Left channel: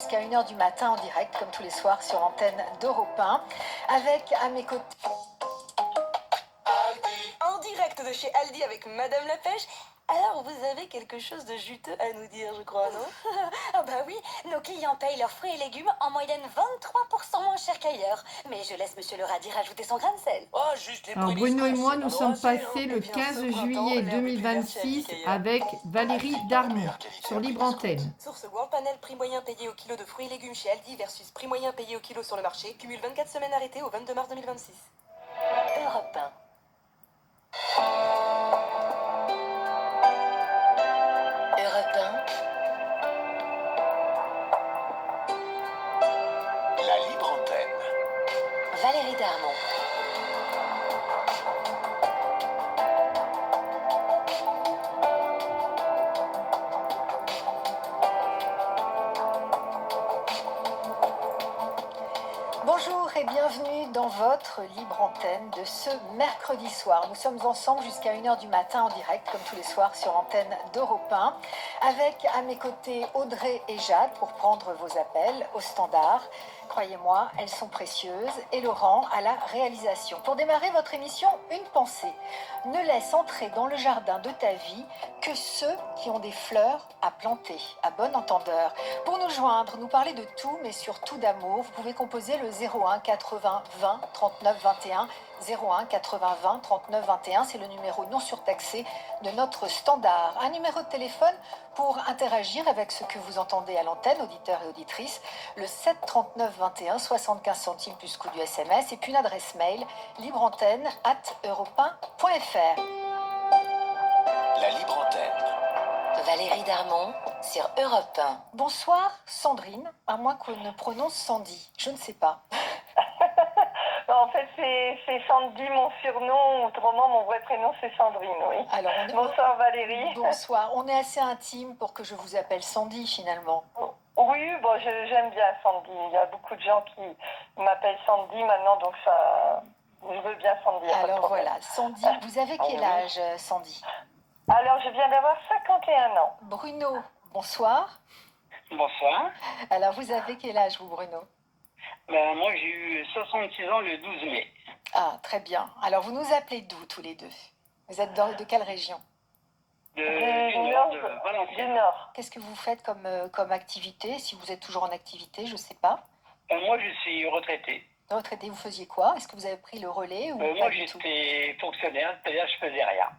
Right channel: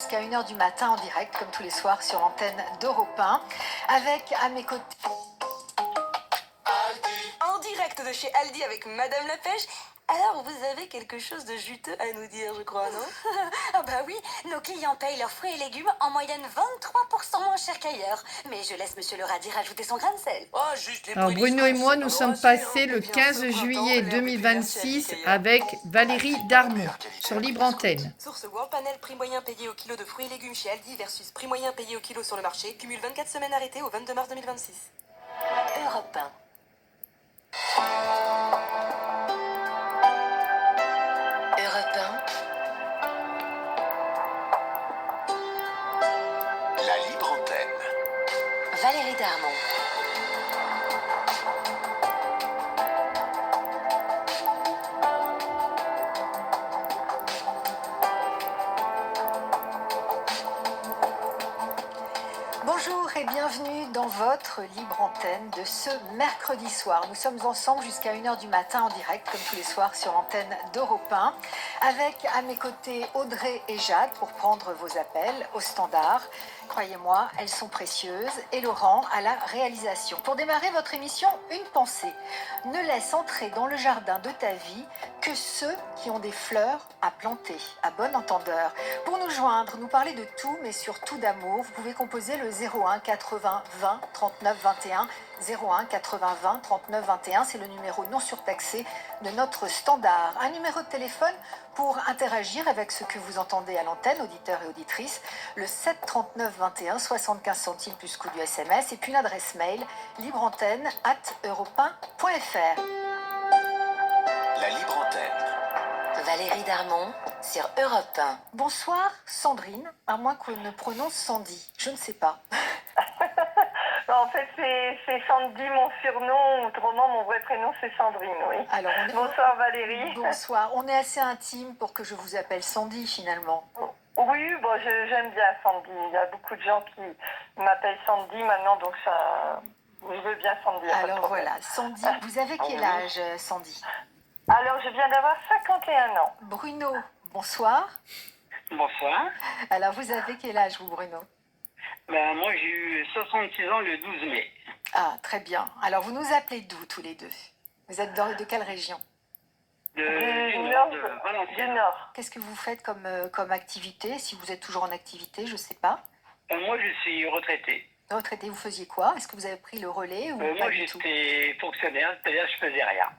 Jusqu'à 1h du matin en direct, comme tous les soirs sur l'antenne d'Europe 1, avec à mes côtés... En direct de chez Aldi avec Madame la Pêche. Alors, vous avez quelque chose de juteux à nous dire, je crois, non? Ah bah oui, nos clients payent leurs fruits et légumes en moyenne 23% moins cher qu'ailleurs. Mais je laisse Monsieur le radis rajouter son grain de sel. Oh, juste les Alors prix Bruno et d'Iscos, moi, c'est nous pas sommes drôle, hein. passés le Eh bien, 15 ce printemps, juillet l'herbe est plus verte chez Aldi 2026 qu'ailleurs. avec Valérie Darmon sur Libre Antenne. Source World Panel, prix moyen payé au kilo de fruits et légumes chez Aldi versus prix moyen payé au kilo sur le marché. Cumule 24 semaines arrêtées au 22 mars 2026. Europe 1. Europe 1. La Libre Antenne. Valérie Darmon. Bonjour et bienvenue dans votre libre antenne de ce mercredi soir. Nous sommes ensemble jusqu'à 1h du matin en direct, comme tous les soirs sur l'antenne d'Europe 1, avec à mes côtés Audrey et Jade pour prendre vos appels au standard. Croyez-moi, elles sont précieuses. Et Laurent à la réalisation. Pour démarrer votre émission, une pensée. Ne laisse entrer dans le jardin de ta vie que ceux qui ont des fleurs à planter, à bon entendeur. Pour nous joindre, nous parler de tout, mais surtout d'amour, vous pouvez composer le 01 80 20 39 21. 01 80 20 39 21, c'est le numéro non surtaxé de notre standard. Un numéro de téléphone pour interagir avec ce que vous entendez à l'antenne, auditeurs et auditrices, le 7 39 21, 75 centimes plus coût du SMS, et puis une adresse mail libreantenne@europe1.fr. La Libre Antenne. Valérie Darmon sur Europe 1. Bonsoir Sandrine, à moins qu'on ne prononce Sandy, je ne sais pas. En fait, c'est Sandy, mon surnom. Autrement, mon vrai prénom, c'est Sandrine, oui. Alors, Bonsoir, Valérie. Bonsoir, on est assez intime pour que je vous appelle Sandy finalement. Oui, bon, j'aime bien Sandy. Il y a beaucoup de gens qui m'appellent Sandy maintenant, donc ça, je veux bien Sandy. Alors voilà, Sandy, vous avez quel âge, Sandy? Alors, je viens d'avoir 51 ans. Bruno, bonsoir. Bonsoir. Alors, vous avez quel âge, vous, Bruno? Moi, j'ai eu 66 ans le 12 mai. Ah, très bien. Alors, vous nous appelez d'où, tous les deux? Vous êtes de quelle région? Du nord de Valenciennes. Du Nord. Qu'est-ce que vous faites comme activité? Si vous êtes toujours en activité, je ne sais pas. Moi, je suis retraité. Retraité, vous faisiez quoi? Est-ce que vous avez pris le relais ou Moi, pas du tout? j'étais fonctionnaire, c'est-à-dire je faisais rien.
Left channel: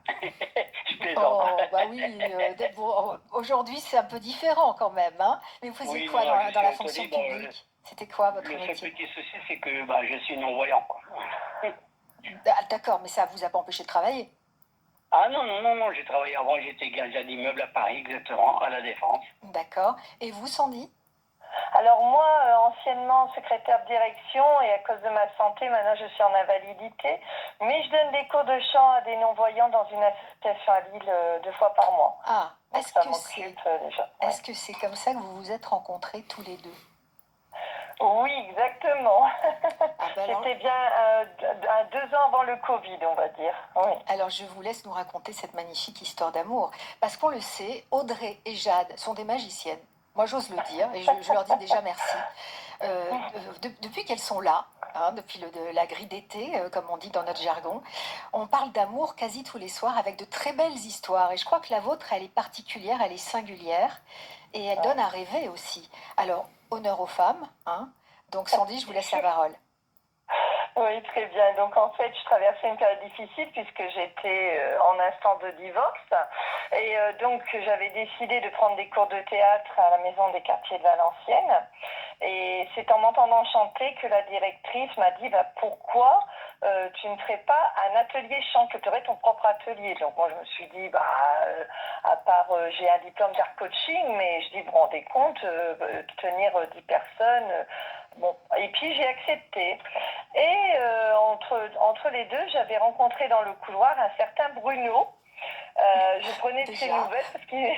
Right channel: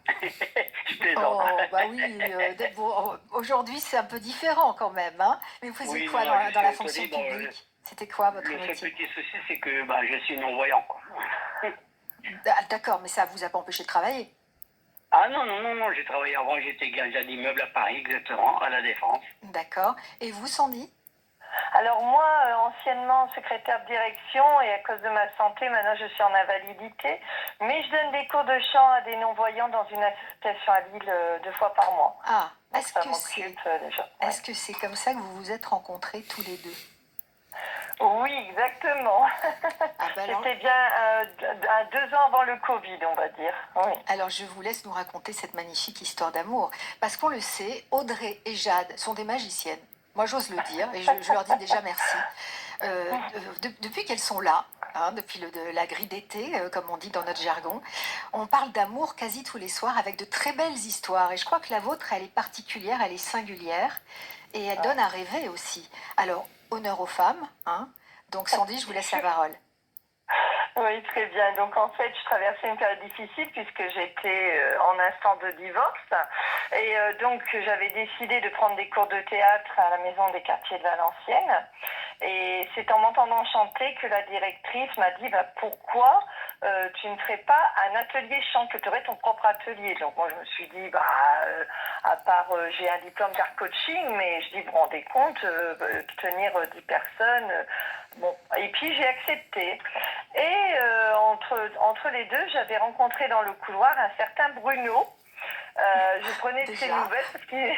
Je plaisante. Oh, bah oui, bon, aujourd'hui c'est un peu différent quand même, hein. Mais vous faisiez quoi dans la fonction publique? C'était quoi votre Le seul métier? petit souci, c'est que je suis non-voyant, quoi. Ah, d'accord, mais ça vous a pas empêché de travailler? Ah non, j'ai travaillé avant, j'étais gardien d'immeuble à Paris, exactement, à la Défense. D'accord. Et vous, Sandy? Alors moi, anciennement secrétaire de direction et à cause de ma santé, maintenant je suis en invalidité. Mais je donne des cours de chant à des non-voyants dans une association à Lille 2 fois par mois. Ah, Donc est-ce ça que m'occupe déjà. est-ce que c'est comme ça que vous vous êtes rencontrés tous les deux? Oui, exactement. Ah, bah alors, C'était bien 2 ans avant le Covid, on va dire. Oui. alors je vous laisse nous raconter cette magnifique histoire d'amour. Parce qu'on le sait, Audrey et Jade sont des magiciennes. Moi, j'ose le dire, et je leur dis déjà merci. Depuis qu'elles sont là, hein, depuis la grille d'été, comme on dit dans notre jargon, on parle d'amour quasi tous les soirs avec de très belles histoires. Et je crois que la vôtre, elle est particulière, elle est singulière, et elle donne à rêver aussi. Alors, honneur aux femmes, hein. Donc Sandy, je vous laisse la parole. Oui, très bien. Donc en fait, je traversais une période difficile puisque j'étais en instant de divorce. Et donc j'avais décidé de prendre des cours de théâtre à la Maison des quartiers de Valenciennes. Et c'est en m'entendant chanter que la directrice m'a dit pourquoi tu ne ferais pas un atelier chant, que tu aurais ton propre atelier. Donc moi je me suis dit à part j'ai un diplôme d'art coaching, mais je dis vous vous rendez compte tenir 10 personnes. Bon, et puis j'ai accepté. Et entre les deux, j'avais rencontré dans le couloir un certain Bruno. Je prenais de ses nouvelles parce qu'il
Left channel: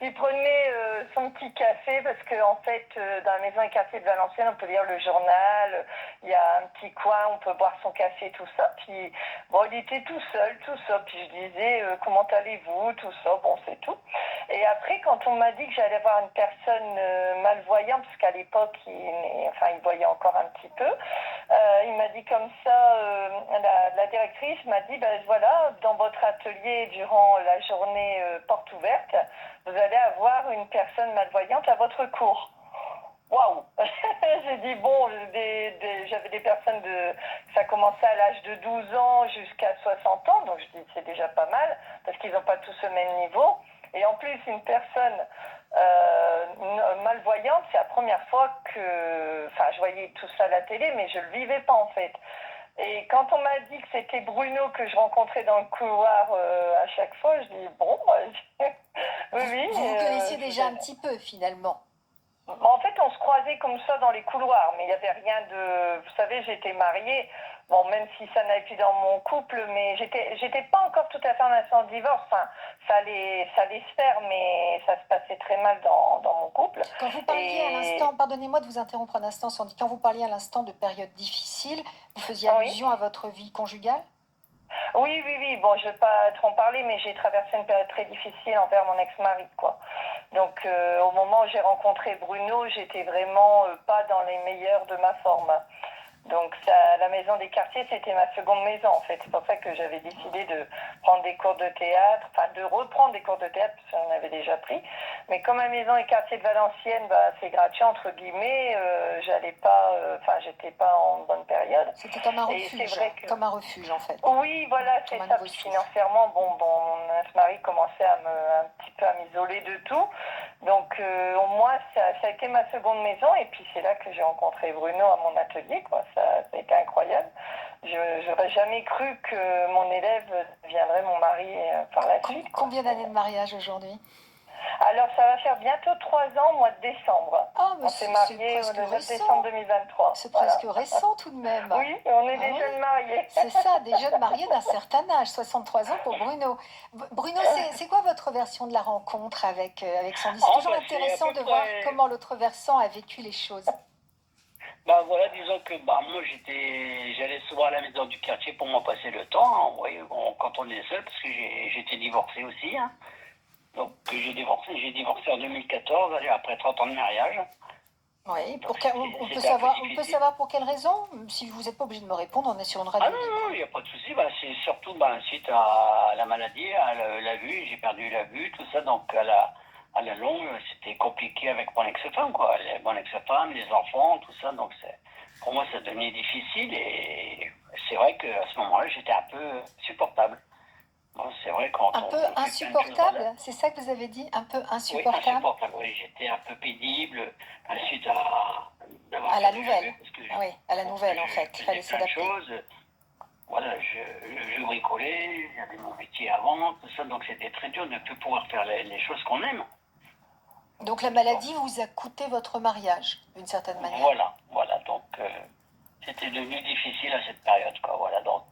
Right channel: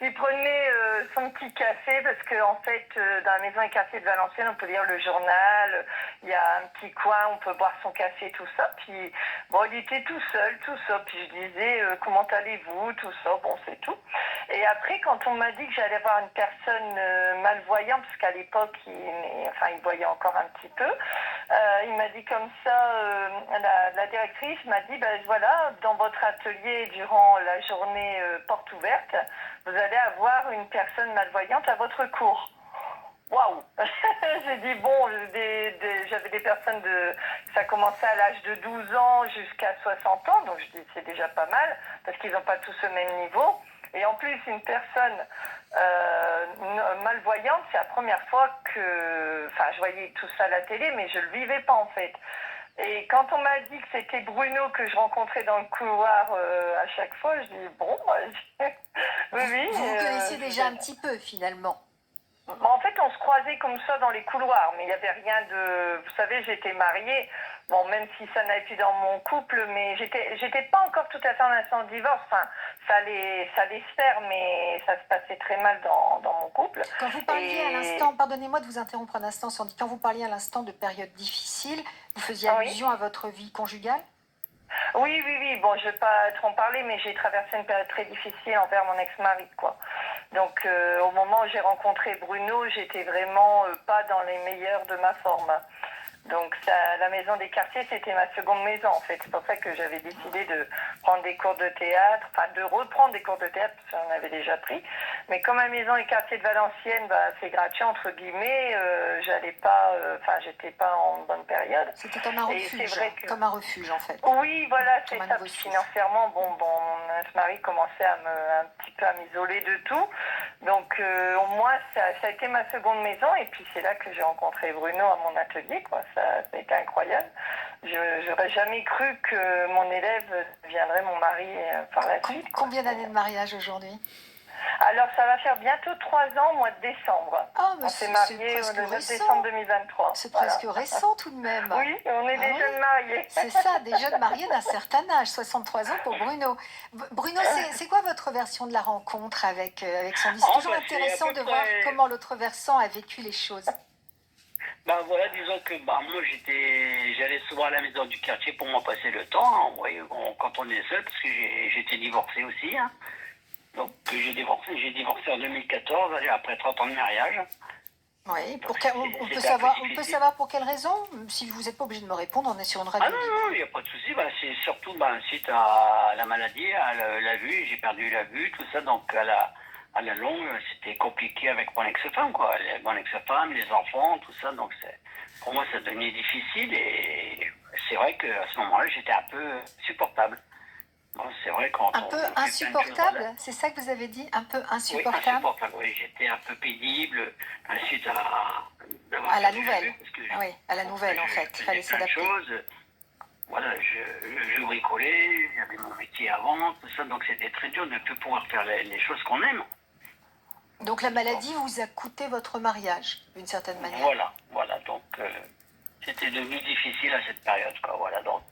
il prenait son petit café parce que en fait, dans la maison et quartier de Valenciennes, on peut lire le journal, il y a un petit coin, on peut boire son café, tout ça. Puis bon, il était tout seul, tout ça. Puis je disais, comment allez-vous, tout ça, bon, c'est tout. Et après, quand on m'a dit que j'allais voir une personne malvoyante, parce qu'à l'époque, il voyait encore un petit peu, il m'a dit comme ça, la directrice m'a dit, ben voilà, dans votre atelier, durant la journée porte ouverte, vous allez avoir une personne malvoyante à votre cours. Waouh. J'ai dit, bon, j'avais des personnes ça commençait à l'âge de 12 ans jusqu'à 60 ans, donc je dis, c'est déjà pas mal, parce qu'ils n'ont pas tous le même niveau. Et en plus, une personne malvoyante, c'est la première fois que... Enfin, je voyais tout ça à la télé, mais je ne le vivais pas, en fait. Et quand on m'a dit que c'était Bruno que je rencontrais dans le couloir à chaque fois, je dis, bon, oui, oui. Vous connaissiez déjà un petit peu, finalement. En fait, on se croisait comme ça dans les couloirs, mais il n'y avait rien de... Vous savez, j'étais mariée, bon, même si ça n'allait plus dans mon couple, mais j'étais pas encore tout à fait en instant de divorce. Enfin, ça allait se faire, mais ça se passait très mal dans mon couple. Quand vous parliez à l'instant, pardonnez-moi de vous interrompre un instant, Sandy, quand vous parliez à l'instant de période difficile, vous faisiez allusion à votre vie conjugale? Oui, oui, oui. Bon, je ne vais pas trop en parler, mais j'ai traversé une période très difficile envers mon ex-mari, quoi. Donc, au moment où j'ai rencontré Bruno, j'étais vraiment pas dans les meilleurs de ma forme. Donc, la maison des quartiers, c'était ma seconde maison, en fait. C'est pour ça que j'avais décidé de prendre des cours de théâtre, enfin, de reprendre des cours de théâtre, parce qu'on avait déjà pris. Mais comme la maison et quartier de Valenciennes, bah, c'est gratuit, entre guillemets, j'allais pas, j'étais pas en bonne période. C'était comme un refuge, comme un refuge, en fait. Oui, voilà, c'est ça. Financièrement, bon, mon ex-mari commençait un petit peu à m'isoler de tout. Donc, au moins, ça a été ma seconde maison. Et puis, c'est là que j'ai rencontré Bruno à mon atelier, quoi. Ça a été incroyable. Je n'aurais jamais cru que mon élève deviendrait mon mari par la suite. Combien d'années de mariage aujourd'hui? Alors, ça va faire bientôt 3 ans au mois de décembre. Oh, on s'est mariés le 9 décembre 2023. C'est presque récent tout de même. Oui, on est des jeunes mariés. C'est ça, des jeunes mariés d'un certain âge, 63 ans pour Bruno. Bruno, c'est quoi votre version de la rencontre avec Sandy? C'est toujours intéressant de voir comment l'autre versant a vécu les choses. Bah voilà, disons que moi j'allais souvent à la maison du quartier pour m'en passer le temps, hein, quand on est seul, parce que j'étais divorcé aussi, hein. Donc j'ai divorcé en 2014, après 30 ans de mariage. Oui, on peut savoir pour quelle raison? Si vous n'êtes pas obligé de me répondre, on est sur une radio. Ah non, il n'y a pas de souci. Bah, c'est surtout suite à la maladie, à la vue, j'ai perdu la vue, tout ça. Donc à la longue, c'était compliqué avec mon ex-femme, quoi. Mon ex-femme, les enfants, tout ça. Donc pour moi, ça devenait difficile. Et c'est vrai qu'à ce moment-là, j'étais un peu insupportable. Bon, c'est vrai un peu insupportable, c'est ça que vous avez dit? Un peu insupportable? Oui, insupportable, oui. J'étais un peu pénible suite à la nouvelle. Oui, à la nouvelle, en fait. Il fallait s'adapter. Voilà, je bricolais, j'avais mon métier avant, tout ça, donc c'était très dur de ne plus pouvoir faire les choses qu'on aime. Donc la maladie vous a coûté votre mariage, d'une certaine manière. Voilà, donc c'était devenu difficile à cette période, quoi. Voilà, donc.